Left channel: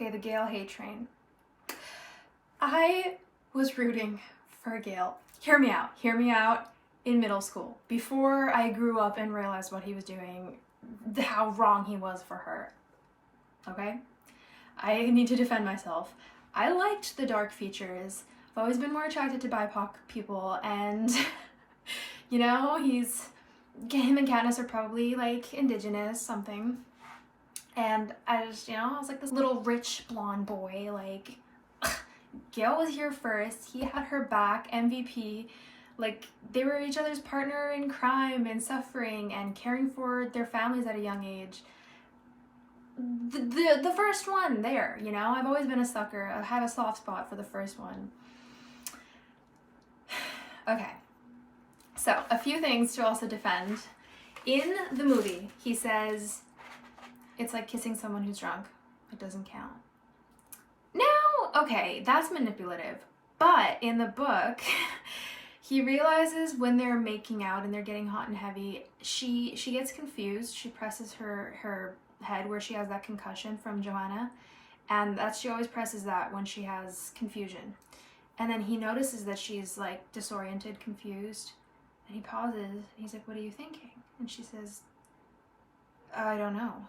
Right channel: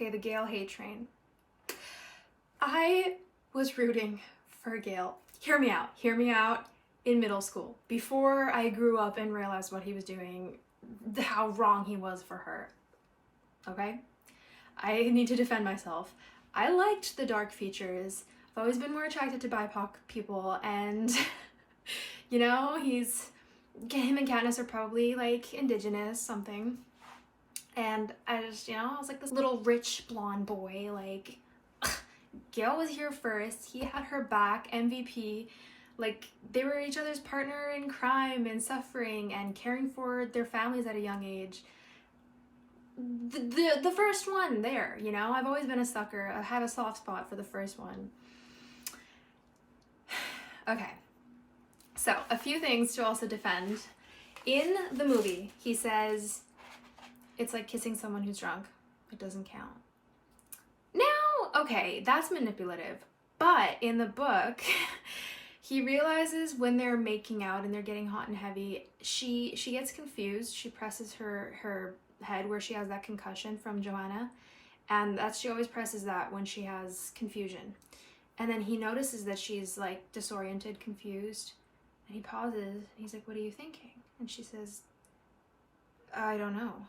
Okay, the Gale hate train. I was rooting for Gale. Hear me out. In middle school, before I grew up and realized what he was doing, how wrong he was for her. Okay? I need to defend myself. I liked the dark features. I've always been more attracted to BIPOC people, and you know, him and Katniss are probably like indigenous something. And I just, I was like this little rich blonde boy, like, Gale was here first, he had her back, MVP, like, they were each other's partner in crime and suffering and caring for their families at a young age. The first one there, I've always been a sucker. I have a soft spot for the first one. Okay, so a few things to also defend. In the movie, he says, it's like kissing someone who's drunk. It doesn't count. Now, okay, that's manipulative. But in the book, he realizes when they're making out and they're getting hot and heavy, she gets confused. She presses her head where she has that concussion from Joanna, and she always presses that when she has confusion. And then he notices that she's like disoriented, confused, and he pauses. He's like, "What are you thinking?" And she says, "I don't know."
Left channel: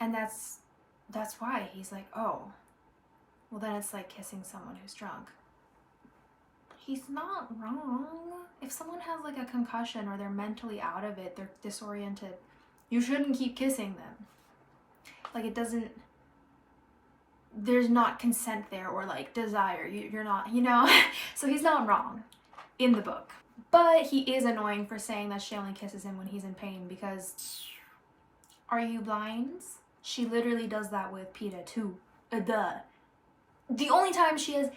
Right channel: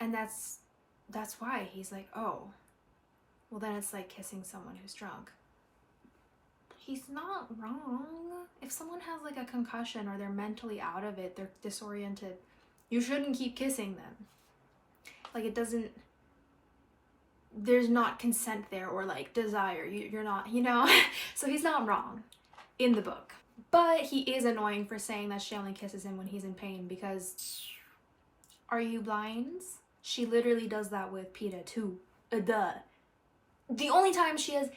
And that's why he's like, "Oh, well then it's like kissing someone who's drunk." He's not wrong. If someone has like a concussion or they're mentally out of it, they're disoriented, you shouldn't keep kissing them. Like, there's not consent there or like desire. You're not, So he's not wrong in the book. But he is annoying for saying that she only kisses him when he's in pain, because are you blind? She literally does that with Peeta too. The only time she has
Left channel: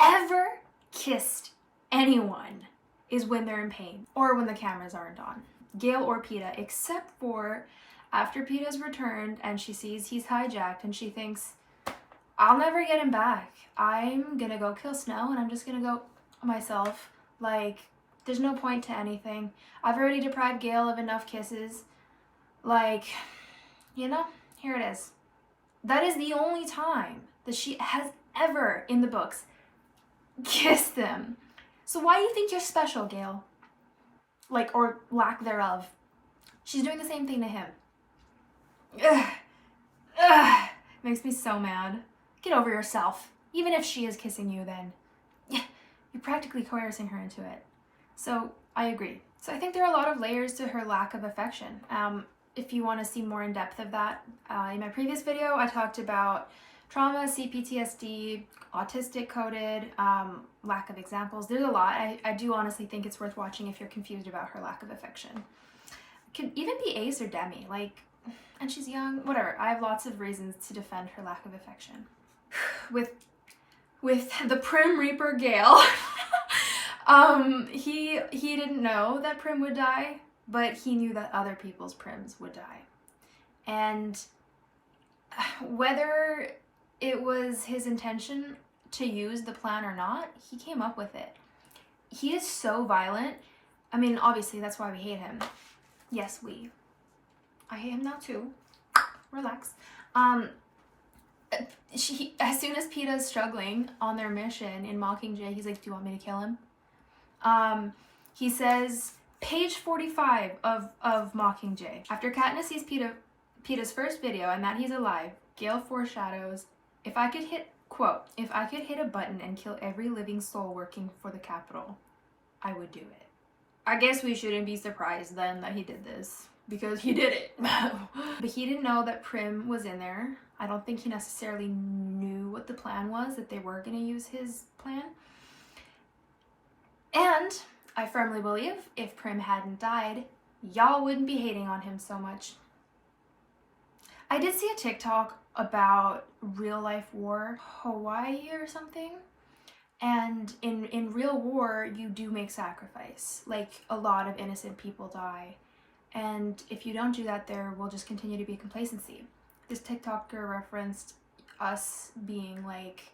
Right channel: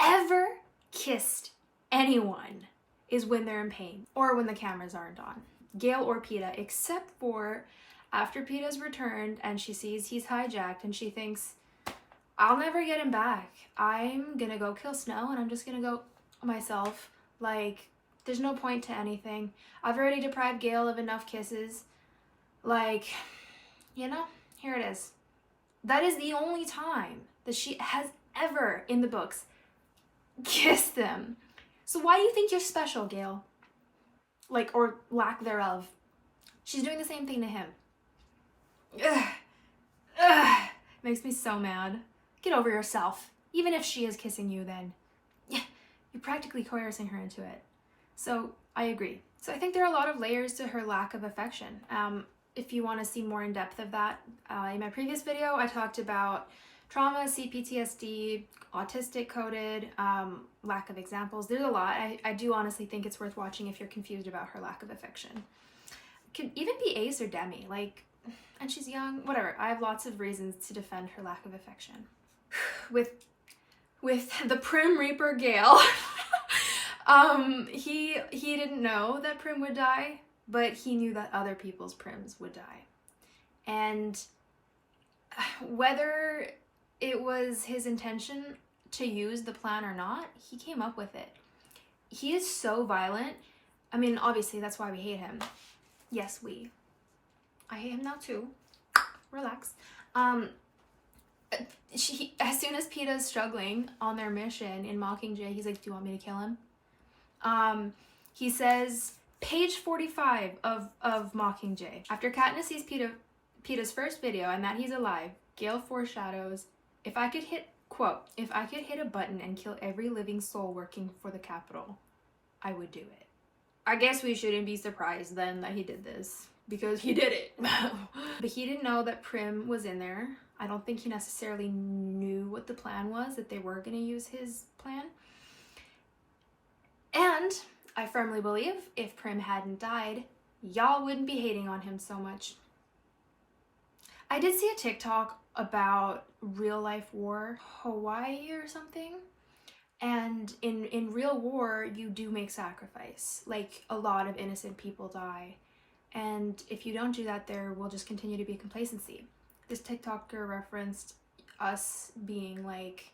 ever kissed anyone is when they're in pain or when the cameras aren't on. Gale or Peeta, except for after Peeta's returned and she sees he's hijacked and she thinks, I'll never get him back. I'm gonna go kill Snow and I'm just gonna go myself. Like, there's no point to anything. I've already deprived Gale of enough kisses. Like, here it is. That is the only time that she has ever in the books kissed them. So why do you think you're special, Gale? Like, or lack thereof. She's doing the same thing to him. Ugh. Makes me so mad. Get over yourself. Even if she is kissing you, then you're practically coercing her into it. So I agree. So I think there are a lot of layers to her lack of affection. If you want to see more in depth of that, in my previous video, I talked about trauma, CPTSD, autistic coded, lack of examples. There's a lot. I do honestly think it's worth watching if you're confused about her lack of affection. Could even be Ace or Demi, like, and she's young, whatever. I have lots of reasons to defend her lack of affection. With the Prim Reaper Gale, he didn't know that Prim would die, but he knew that other people's Prims would die. And whether it was his intention to use the plan or not, he came up with it. He is so violent. I mean, obviously, that's why we hate him. Yes, I hate him now too. Relax. As soon as Peeta's struggling on their mission in Mockingjay, he's like, "Do you want me to kill him?" He says, page 45 of Mockingjay. After Katniss sees Peeta's first video and that he's alive, Gale foreshadows, if I could hit a button and kill every living soul working for the Capitol, I would do it. I guess we shouldn't be surprised then that he did this, because he did it. But he didn't know that Prim was in there. I don't think he necessarily knew what the plan was, that they were going to use his plan. And I firmly believe if Prim hadn't died, y'all wouldn't be hating on him so much. I did see a TikTok about real life war, Hawaii or something. And in real war, you do make sacrifice. Like, a lot of innocent people die. And if you don't do that, there will just continue to be complacency. This TikToker referenced us being like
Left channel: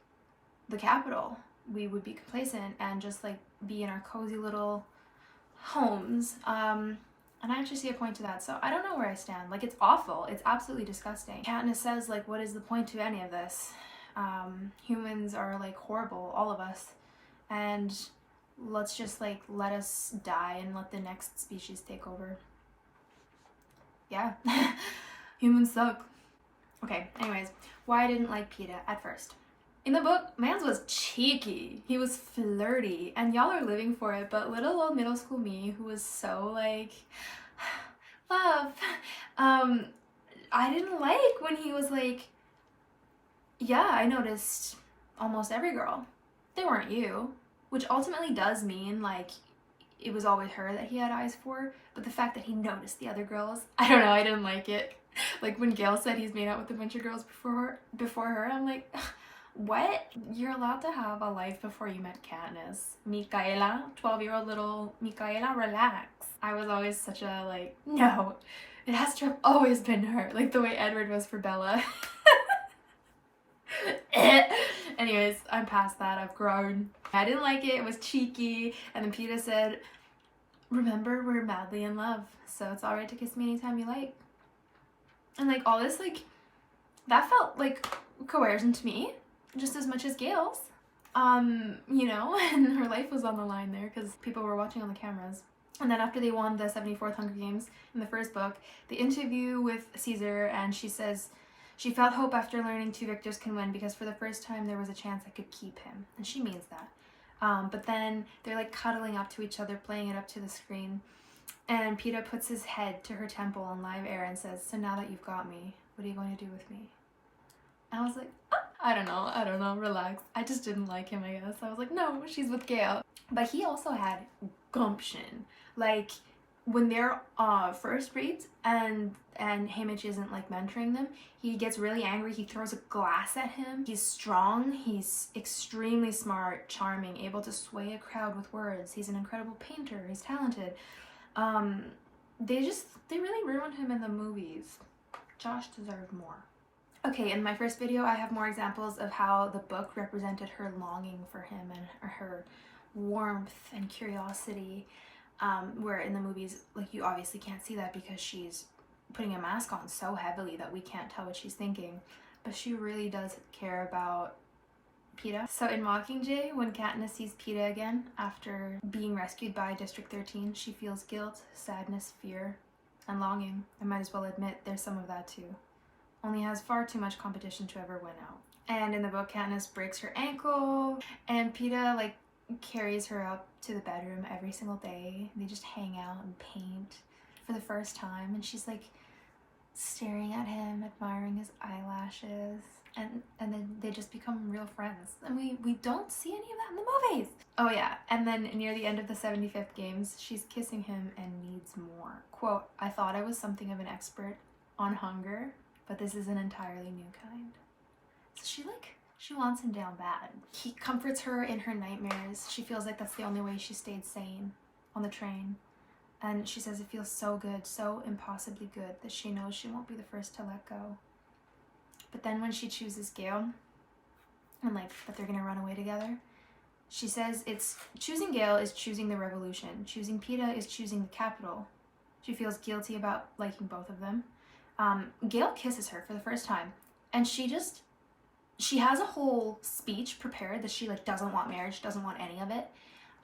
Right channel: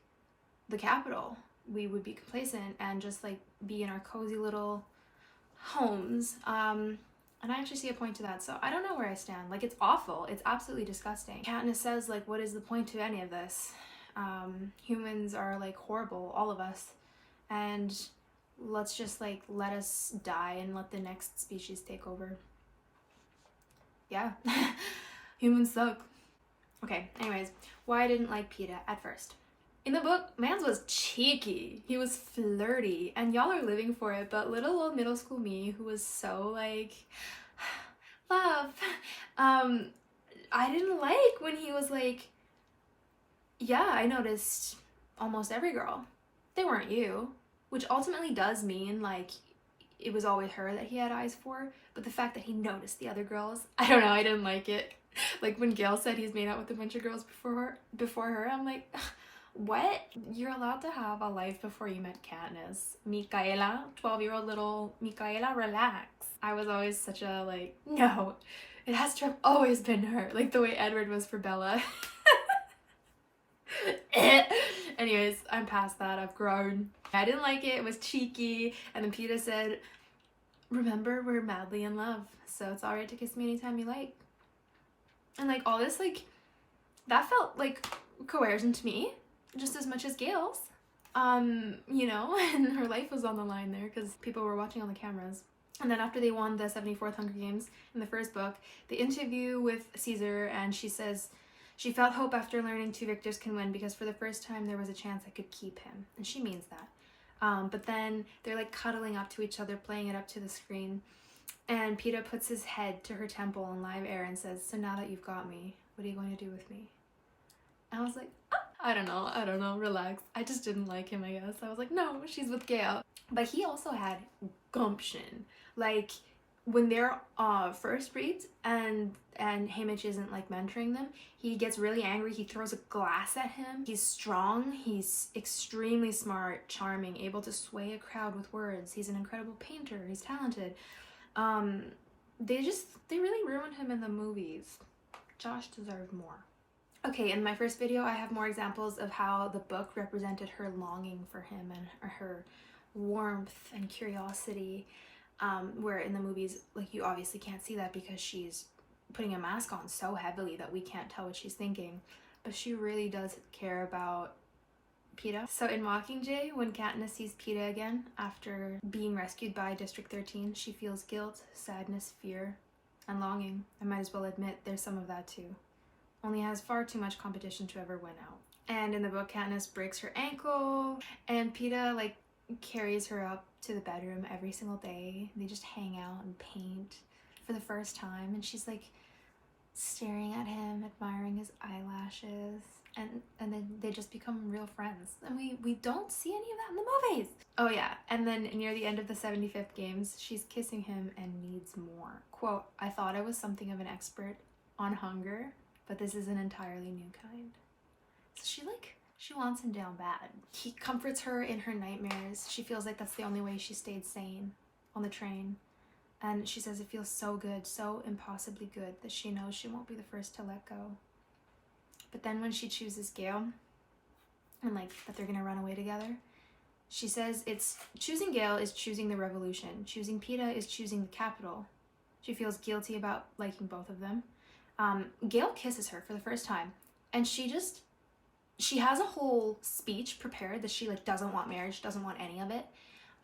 the Capitol. We would be complacent and just like be in our cozy little homes. And I actually see a point to that, so I don't know where I stand. Like, it's awful. It's absolutely disgusting. Katniss says, like, what is the point to any of this? Humans are, like, horrible, all of us. And let's just, like, let us die and let the next species take over. Yeah. Humans suck. Okay, anyways, why I didn't like Peeta at first. In the book, Mans was cheeky. He was flirty, and y'all are living for it, but little old middle school me, who was so like, love, I didn't like when he was like, yeah, I noticed almost every girl. They weren't you, which ultimately does mean like it was always her that he had eyes for, but the fact that he noticed the other girls, I don't know, I didn't like it. Like when Gale said he's made out with a bunch of girls before her, I'm like, what? You're allowed to have a life before you met Katniss. Michaela, 12-year-old little Michaela, relax. I was always such a like, no, it has to have always been her. Like the way Edward was for Bella. Anyways, I'm past that. I've grown. I didn't like it. It was cheeky. And then Peeta said, remember, we're madly in love, so it's alright to kiss me anytime you like. And like all this, like, that felt like coercion to me, just as much as Gale's. You know, and her life was on the line there because people were watching on the cameras. And then after they won the 74th Hunger Games in the first book, the interview with Caesar, and she says she felt hope after learning 2 victors can win because for the first time there was a chance I could keep him. And she means that. But then they're like cuddling up to each other, playing it up to the screen. And Peeta puts his head to her temple on live air and says, so now that you've got me, what are you going to do with me? And I was like, oh, I don't know, relax. I just didn't like him, I guess. I was like, no, she's with Gale. But he also had gumption. Like, when they're first raped and Haymitch isn't like mentoring them, he gets really angry. He throws a glass at him. He's strong. He's extremely smart, charming, able to sway a crowd with words. He's an incredible painter. He's talented. They really ruined him in the movies. Josh deserved more. Okay, in my first video, I have more examples of how the book represented her longing for him and her warmth and curiosity. Where in the movies, like, you obviously can't see that because she's putting a mask on so heavily that we can't tell what she's thinking. But she really does care about Peeta. So in Mockingjay, when Katniss sees Peeta again after being rescued by District 13, she feels guilt, sadness, fear, and longing. I might as well admit there's some of that too. Only has far too much competition to ever win out. And in the book, Katniss breaks her ankle, and Peeta, like, carries her up to the bedroom every single day. They just hang out and paint for the first time, and she's like staring at him, admiring his eyelashes, and then they just become real friends. And we don't see any of that in the movies. Oh yeah, and then near the end of the 75th games, she's kissing him and needs more. Quote, I thought I was something of an expert on hunger, but this is an entirely new kind. So she wants him down bad. He comforts her in her nightmares. She feels like that's the only way she stayed sane on the train. And she says it feels so good, so impossibly good, that she knows she won't be the first to let go. But then when she chooses Gale, and like that they're gonna run away together, she says it's choosing Gale is choosing the revolution. Choosing Peeta is choosing the capital. She feels guilty about liking both of them. Gale kisses her for the first time, and she has a whole speech prepared that she like doesn't want marriage, doesn't want any of it,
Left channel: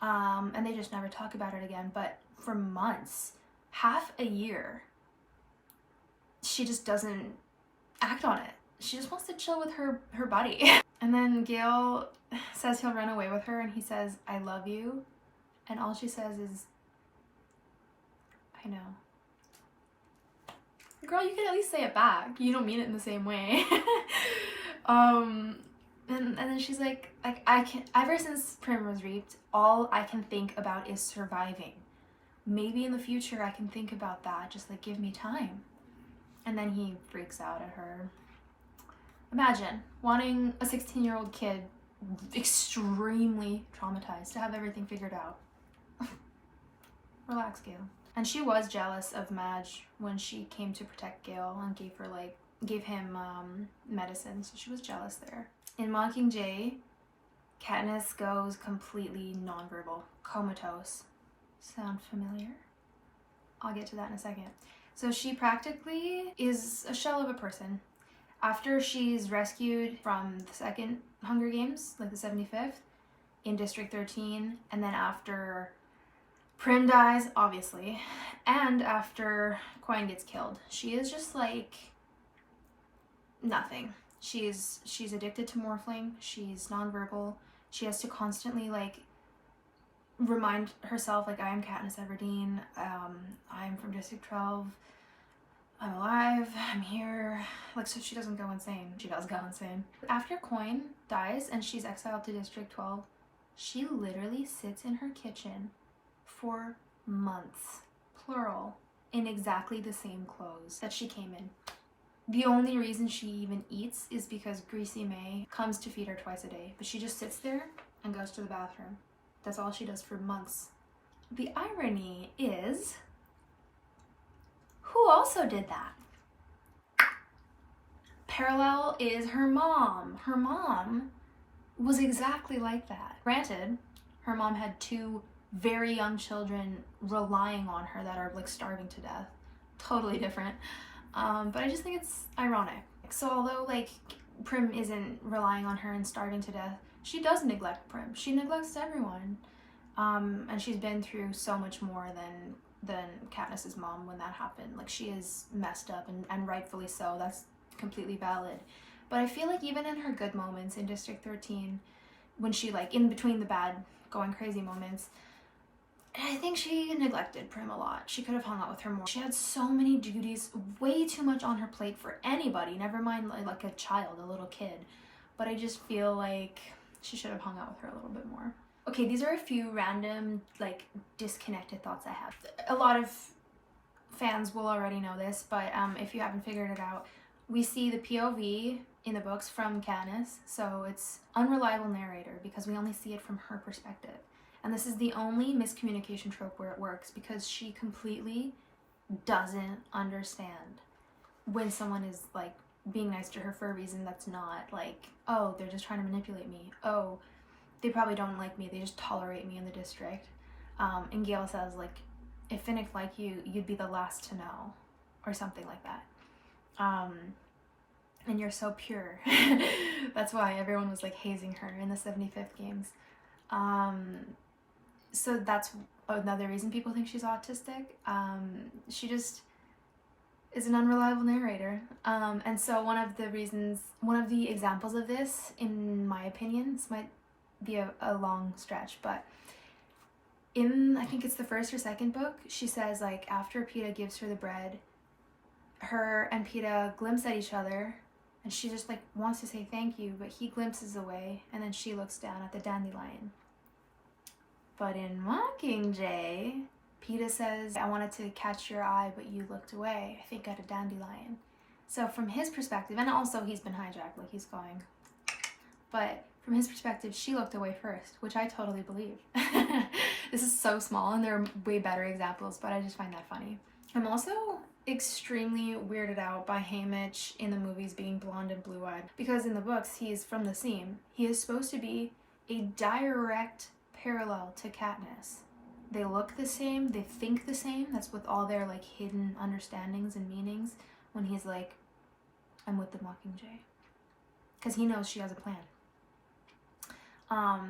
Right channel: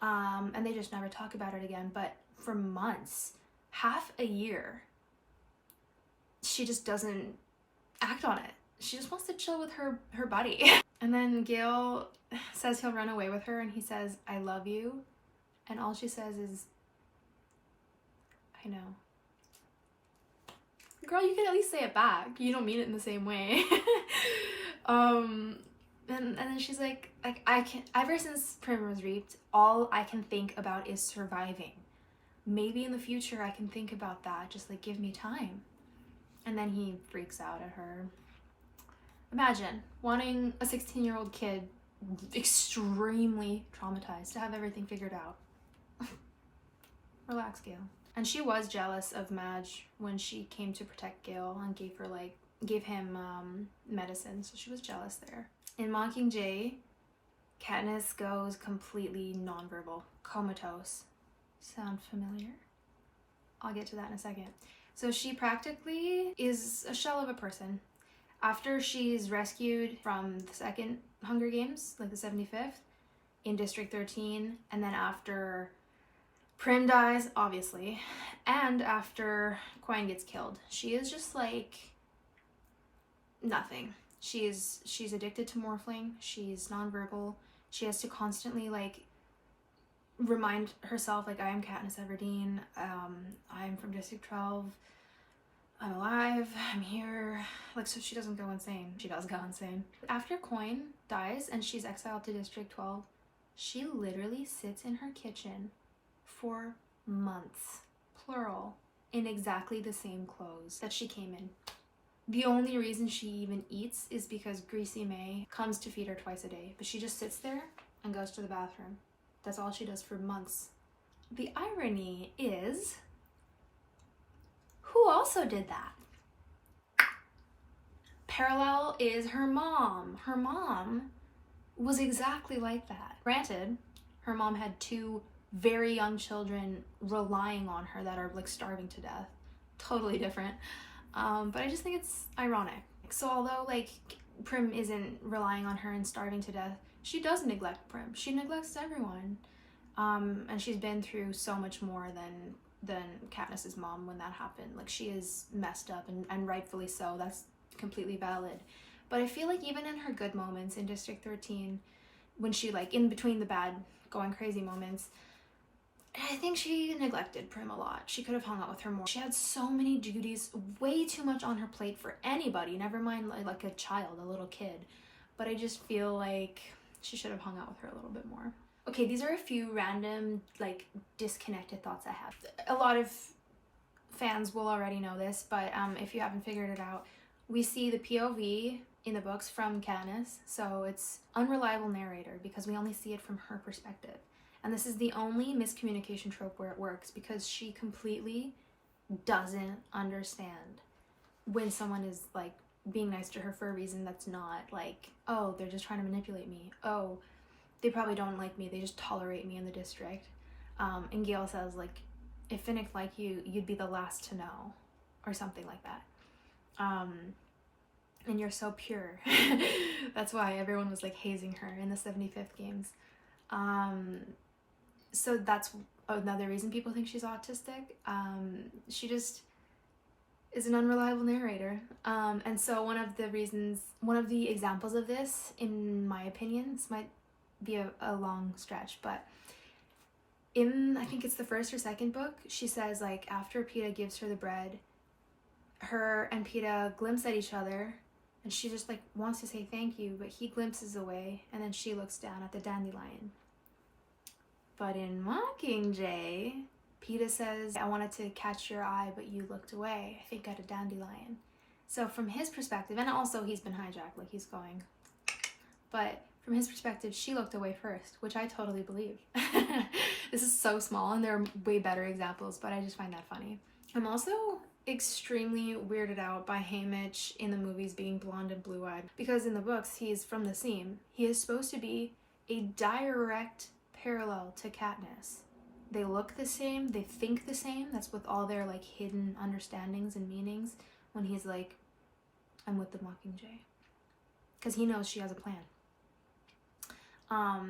and they just never talk about it again. But for months, half a year, she just doesn't act on it. She just wants to chill with her buddy. And then Gale says he'll run away with her, and he says, I love you, and all she says is, I know. Girl, you can at least say it back. You don't mean it in the same way. And then she's like ever since Primrose Reaped, all I can think about is surviving. Maybe in the future I can think about that, just like give me time. And then he freaks out at her. Imagine wanting a 16-year-old kid, extremely traumatized, to have everything figured out. Relax, Gale. And she was jealous of Madge when she came to protect Gale and gave him medicine, so she was jealous there. In Mockingjay, Katniss goes completely nonverbal, comatose. Sound familiar? I'll get to that in a second. So she practically is a shell of a person. After she's rescued from the second Hunger Games, like the 75th, in District 13, and then after Prim dies, obviously, and after Quine gets killed, she is just like nothing. She's addicted to morphling, she's nonverbal, she has to constantly like remind herself like, I am Katniss Everdeen, I'm from District 12, I'm alive, I'm here, like, so she doesn't go insane. She does go insane. After Quine dies and she's exiled to District 12, she literally sits in her kitchen for months, plural, in exactly the same clothes that she came in. The only reason she even eats is because Greasy May comes to feed her twice a day, but she just sits there and goes to the bathroom. That's all she does for months. The irony is, who also did that? Parallel is her mom. Her mom was exactly like that. Granted, her mom had 2 very young children relying on her that are like starving to death. Totally different. But I just think it's ironic. So although like Prim isn't relying on her and starving to death, she does neglect Prim. She neglects everyone. And she's been through so much more than Katniss's mom when that happened. Like, she is messed up, and rightfully so. That's completely valid. But I feel like even in her good moments in District 13, when she, like, in between the bad going crazy moments, I think she neglected Prim a lot. She could have hung out with her more. She had so many duties, way too much on her plate for anybody, never mind like a child, a little kid. But I just feel like she should have hung out with her a little bit more. Okay, these are a few random, like, disconnected thoughts I have. A lot of fans will already know this, but if you haven't figured it out, we see the POV in the books from Katniss, so it's unreliable narrator because we only see it from her perspective. And this is the only miscommunication trope where it works, because she completely doesn't understand when someone is, like, being nice to her for a reason that's not, like, oh, they're just trying to manipulate me. Oh, they probably don't like me, they just tolerate me in the district. And Gale says, like, if Finnick liked you, you'd be the last to know, or something like that. And you're so pure. That's why everyone was, like, hazing her in the 75th games. So that's another reason people think she's autistic. She just is an unreliable narrator. And so one of the examples of this, in my opinion, this might be a long stretch, but in, I think it's the first or second book, she says, like, after Peeta gives her the bread, her and Peeta glimpse at each other, and she just, like, wants to say thank you, but he glimpses away, and then she looks down at the dandelion. But in Mockingjay, Peeta says, I wanted to catch your eye, but you looked away, I think at a dandelion. So from his perspective, and also he's been hijacked, like, he's going, but from his perspective, she looked away first, which I totally believe. This is so small, and there are way better examples, but I just find that funny. I'm also extremely weirded out by Haymitch in the movies being blonde and blue-eyed, because in the books, he's from the Seam. He is supposed to be a direct parallel to Katniss. They look the same, they think the same. That's with all their, like, hidden understandings and meanings when he's like, I'm with the Mockingjay. Because he knows she has a plan.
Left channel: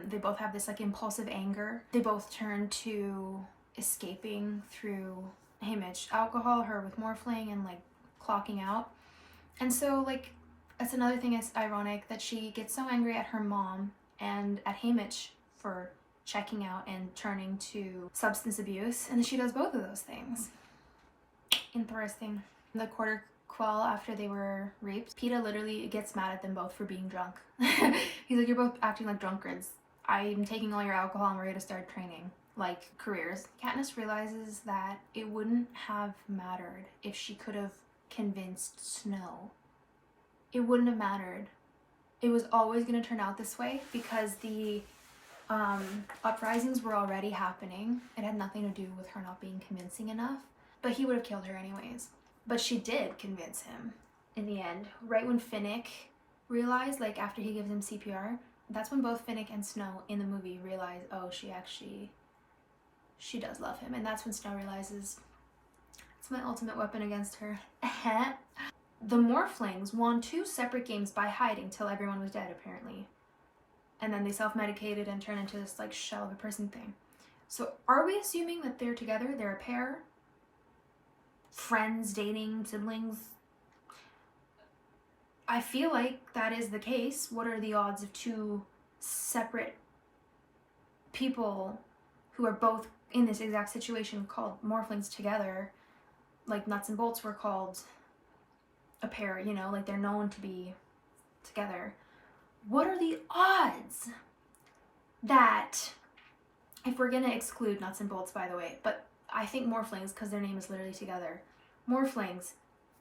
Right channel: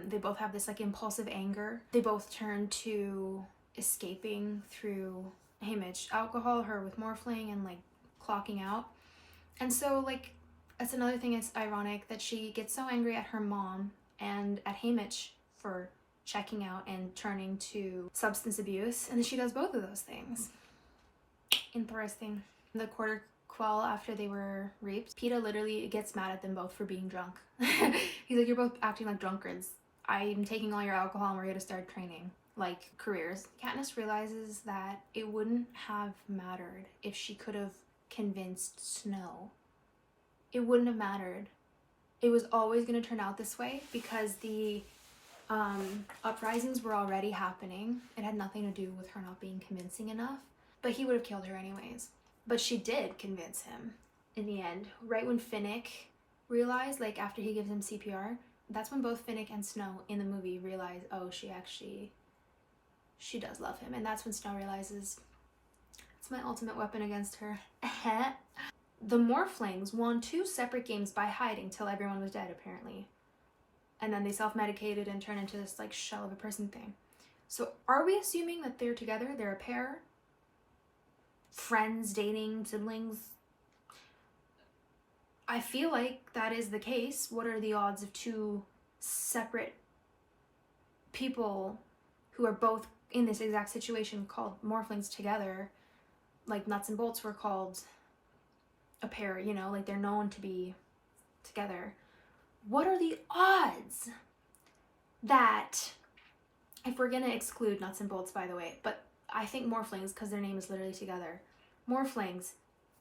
They both have this, like, impulsive anger. They both turn to escaping through Haymitch alcohol, her with morphling, and, like, clocking out. And so, like, that's another thing that's ironic, that she gets so angry at her mom and at Haymitch for checking out and turning to substance abuse, and then she does both of those things. Interesting. The Quarter Quell, after they were raped, Peeta literally gets mad at them both for being drunk. He's like, you're both acting like drunkards. I'm taking all your alcohol and we're gonna start training, like, careers. Katniss realizes that it wouldn't have mattered if she could have convinced Snow. It wouldn't have mattered. It was always gonna turn out this way because the uprisings were already happening. It had nothing to do with her not being convincing enough, but he would have killed her anyways. But she did convince him in the end. Right when Finnick realized, like, after he gives him CPR, that's when both Finnick and Snow in the movie realize, oh, she does love him. And that's when Snow realizes, It's my ultimate weapon against her. The Morphlings won 2 separate games by hiding till everyone was dead, apparently. And then they self-medicated and turned into this like shell of a person thing. So are we assuming that they're together? They're a pair? Friends, dating, siblings? I feel like that is the case. What are the odds of 2 separate people who are both in this exact situation called Morphlings together? Like Nuts and Bolts were called a pair, you know, like they're known to be together. What are the odds that, if we're gonna exclude Nuts and Bolts, by the way, but I think Morphlings, because their name is literally together. Morphlings,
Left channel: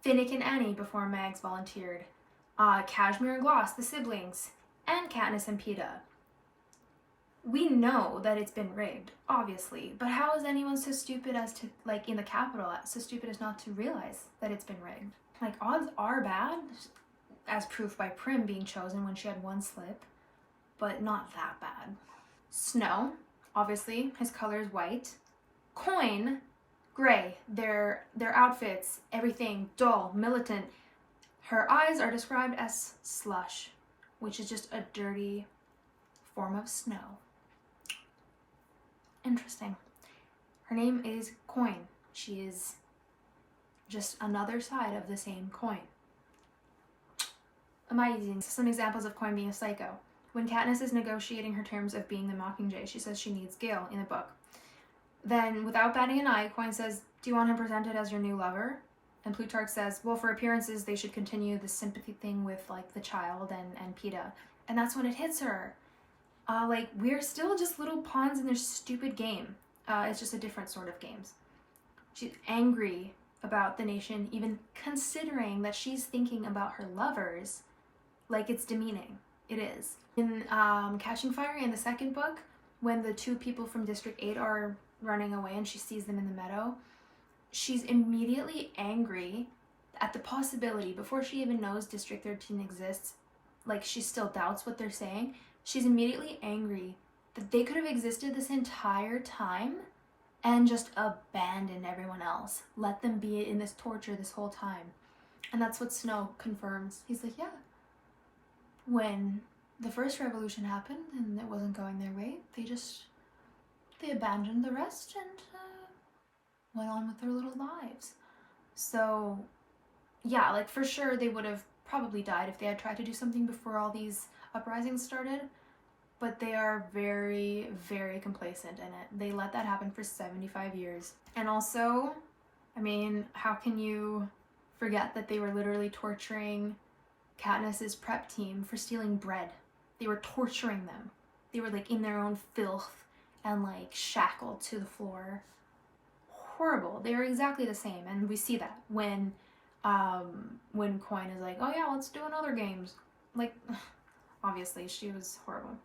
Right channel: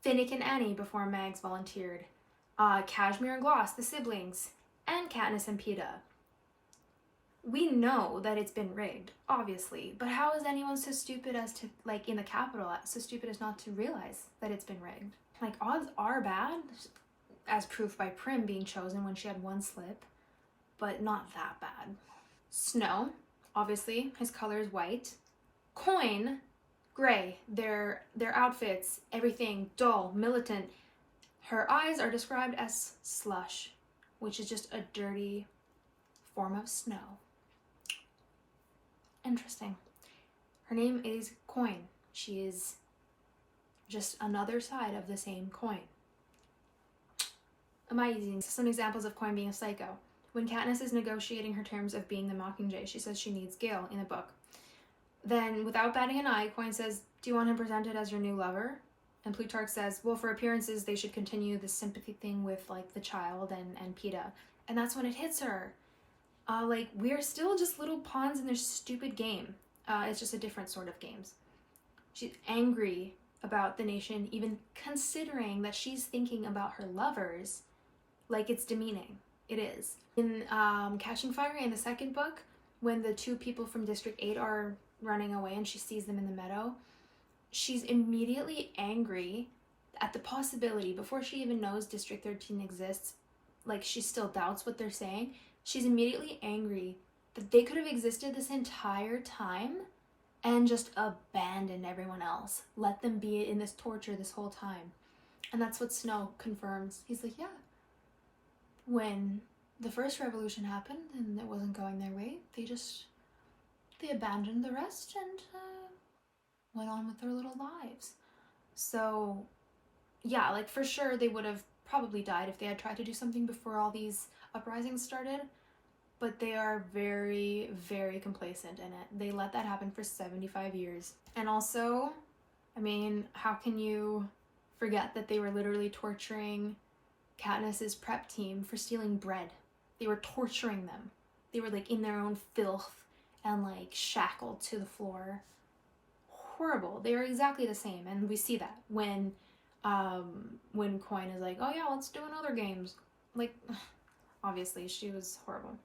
Finnick and Annie before Mags volunteered, Cashmere and Gloss, the siblings, and Katniss and Peeta. We know that it's been rigged, obviously, but how is anyone so stupid as to, like in the Capitol, so stupid as not to realize that it's been rigged? Like, odds are bad, as proof by Prim being chosen when she had 1 slip, but not that bad. Snow, obviously, his color is white. Coin, gray. Their outfits, everything, dull, militant. Her eyes are described as slush, which is just a dirty form of snow. Interesting. Her name is Coin. She is just another side of the same coin. Amazing. Some examples of Coin being a psycho. When Katniss is negotiating her terms of being the Mockingjay, she says she needs Gale in the book. Then, without batting an eye, Coin says, "Do you want him presented as your new lover?" And Plutarch says, well, for appearances, they should continue the sympathy thing with, like, the child and Peeta. And that's when it hits her. Like, we're still just little pawns in their stupid game. It's just a different sort of games. She's angry about the nation even considering that she's thinking about her lovers. Like, it's demeaning. It is. In Catching Fire, in the second book, when the 2 people from District 8 are running away and she sees them in the meadow, she's immediately angry at the possibility, before she even knows District 13 exists, like she still doubts what they're saying, she's immediately angry that they could have existed this entire time and just abandoned everyone else. Let them be in this torture this whole time. And that's what Snow confirms. He's like, yeah, when the first revolution happened and it wasn't going their way, they abandoned the rest and went on with their little lives. So yeah, like for sure they would have probably died if they had tried to do something before all these uprisings started, but they are very, very complacent in it. They let that happen for 75 years. And also, I mean, how can you forget that they were literally torturing Katniss's prep team for stealing bread? They were torturing them. They were like in their own filth and like shackled to the floor. Horrible. They are exactly the same, and we see that when Coin is like, oh yeah, let's do another games. Like, obviously she was horrible.